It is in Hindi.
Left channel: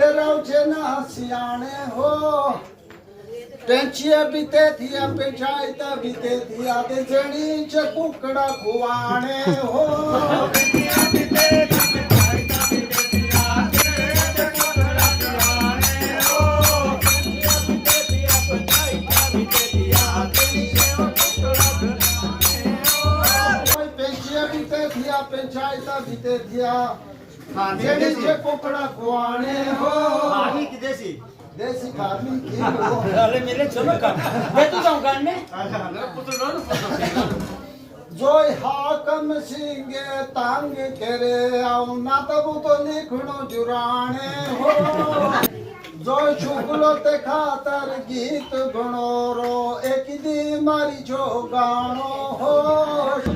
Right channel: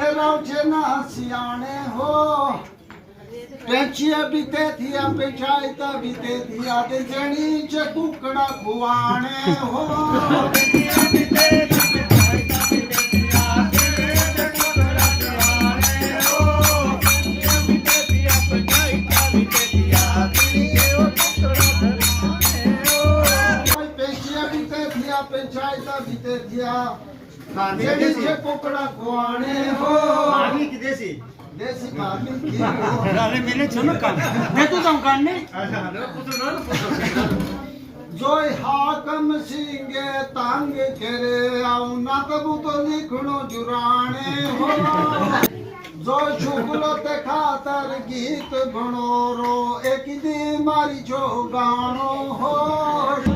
रौजे ना सियाने हो टेंचिया बीते थिया पेछाई ता बीते थिया ते जणी च कुकड़ा खुवाने हो टेंचिया बीते थिया पेछाई ता बीते थिया ते कुकड़ा खुवाने हो टेंचिया बीते थिया पेछाई ता बीते थिया ते कुकड़ा खुवाने हो टेंचिया बीते थिया पेछाई ता बीते थिया जणी च कुकड़ा खुवाने हो आर्मी की देसी देसी खानी की अरे मेरे चलो काम मैं तो जाऊं करने जोय हाकम सिंगे तांग करे आऊ ना तब तो लिखनो जुराने हो जोय शुक्लो ते खातर गीत बनो रो एक दी मारी जो गानो हो